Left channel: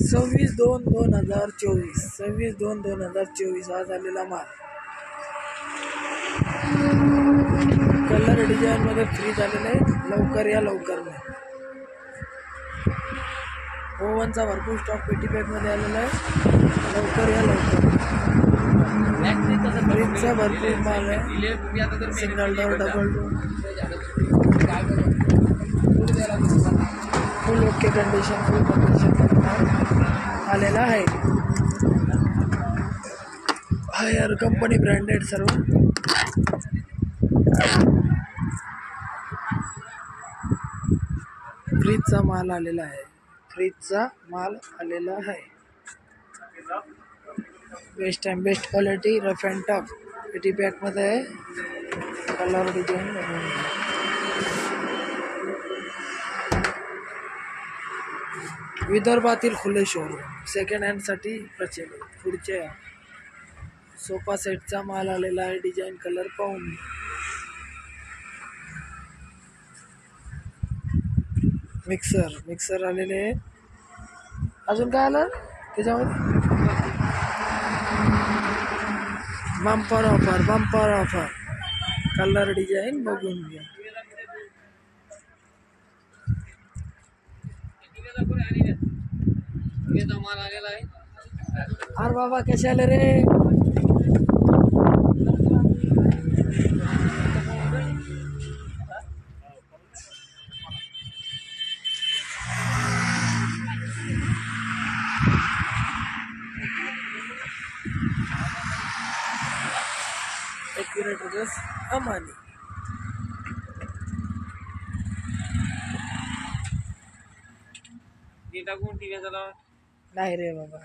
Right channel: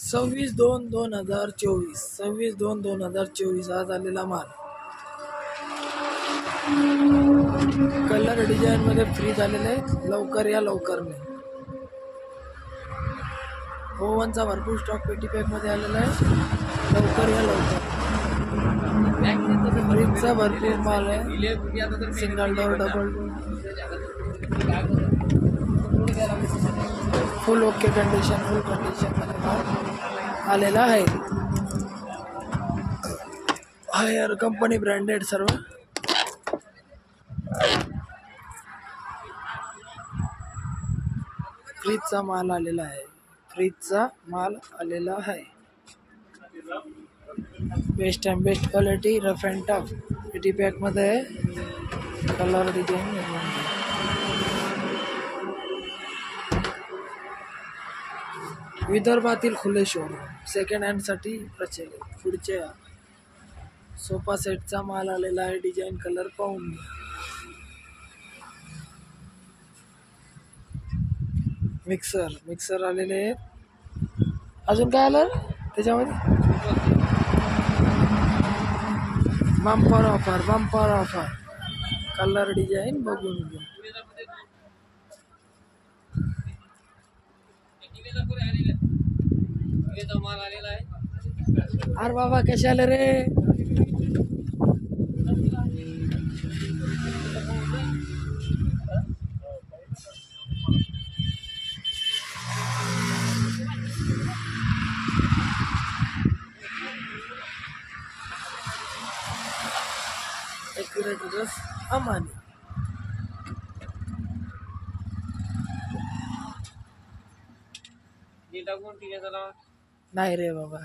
26/2/2024 26/2/2024 आज आलेला माल. कलर डिझाईन मध्ये फ्री झालेले आहे. लवकर या लवकर नाही. ओव्हनचा भरपूर स्टॉक पेटी पॅक मध्ये आलेला आहे. लवकर या लवकर. फ्रीजचा भरपूर माल आहे. सिंगल डोर, डबल डोर, फुल ओके कंडिशन, फुल कंडिशन मध्ये माल आलेला आहे. हायर कंपनी ब्रँडेड सर्व. फ्रीजचा माल आलेला आहे. फ्रीजचा माल आलेला आहे. Best time best quality, rough and tough पेटी पॅक मध्ये आहे. कलर डिझाईन विदर्भातील खुले शोरूम सेकंड हँड साठी प्रचलित. पुढच्या सोफा सेटचा माल आलेला आहे. डिझाईन कलर पाहून घ्या. मिक्सर आलेले आहेत. अजून काय आलं त्याच्यामध्ये? बंपर ऑफर कलर डिझाईन बघून घ्या. अरे बाबा कसे आले रे? एक्युरेट ड्रेस अमानी. नाही रे बाबा.